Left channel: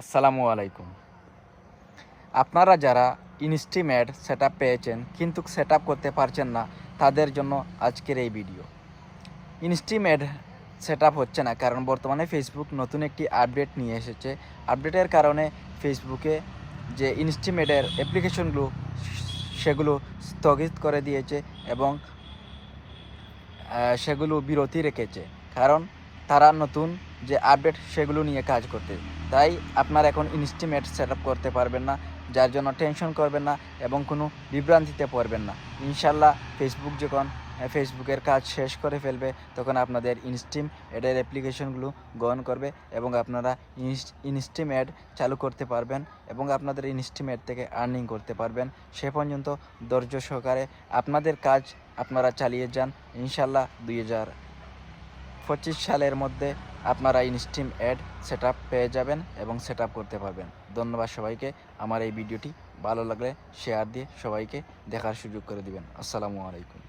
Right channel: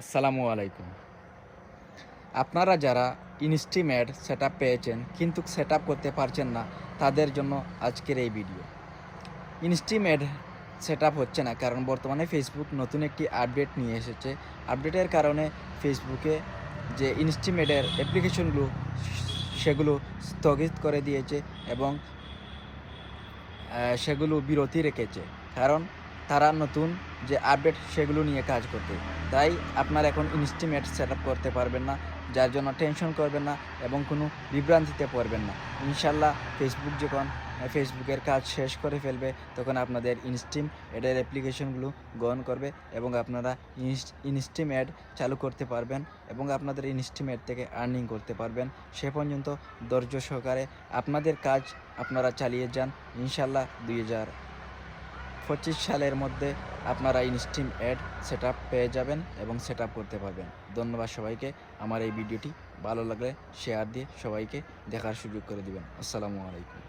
আসসালামু আলাইকুম। আপনারা যারা ইনস্টিমেট সেটআপ পেয়েছেন কিন্তু সেটআপ করতে পারছেন না, তাদের জন্য আজকের এই ভিডিও। ইনস্টিমেট সেটআপ হচ্ছে না কারণ বর্তমানে ফেসবুক নতুন একটি আপডেট নিয়ে এসেছে। আপডেটের কারণে ফেসবুকে যে ইনস্টিমেটের অ্যাপ্লিকেশনগুলো সেগুলো স্থগিত করে দিয়েছে এবং সেগুলো বিরতি রেখেছে, কারণ তারা নতুন যে আপডেট সেগুলো নিয়ে কাজ করতে। তাই আপনারা এখন ইনস্টিমেট সেট আপ করতে পারবেন না, যার জন্য টেনশন করবেন না এবং কোনো বিভ্রান্তিতে পড়বেন না। ইনশাল্লাহ ফেসবুক যখন ফেসবুকের কাজ শেষ করে ফেলবে তখন আপনাদের ইনস্টিমেটের অ্যাপ্লিকেশনগুলো গ্রহণ করবে এবং আপনারা ইনস্টিমেট চালু করতে পারবেন এবং আপনাদের ইনস্টিমেট থেকে আর্নিং করতে পারবেন। সে পর্যন্ত ধৈর্য সহকারে আপনাদের কাজ আপনারা চালিয়ে যান। ইনশাল্লাহ 2025 সালের মধ্যে আপনারা ইনস্টিমেট সেট আপ পেয়ে যাবেন এবং সেট আপ করতে পারবেন। ধন্যবাদ সবাইকে। আমার এই ভিডিওটি ভালো লাগলে শেয়ার দিয়ে সবাইকে দেখার সুযোগ করে দিবেন। আসসালামু আলাইকুম।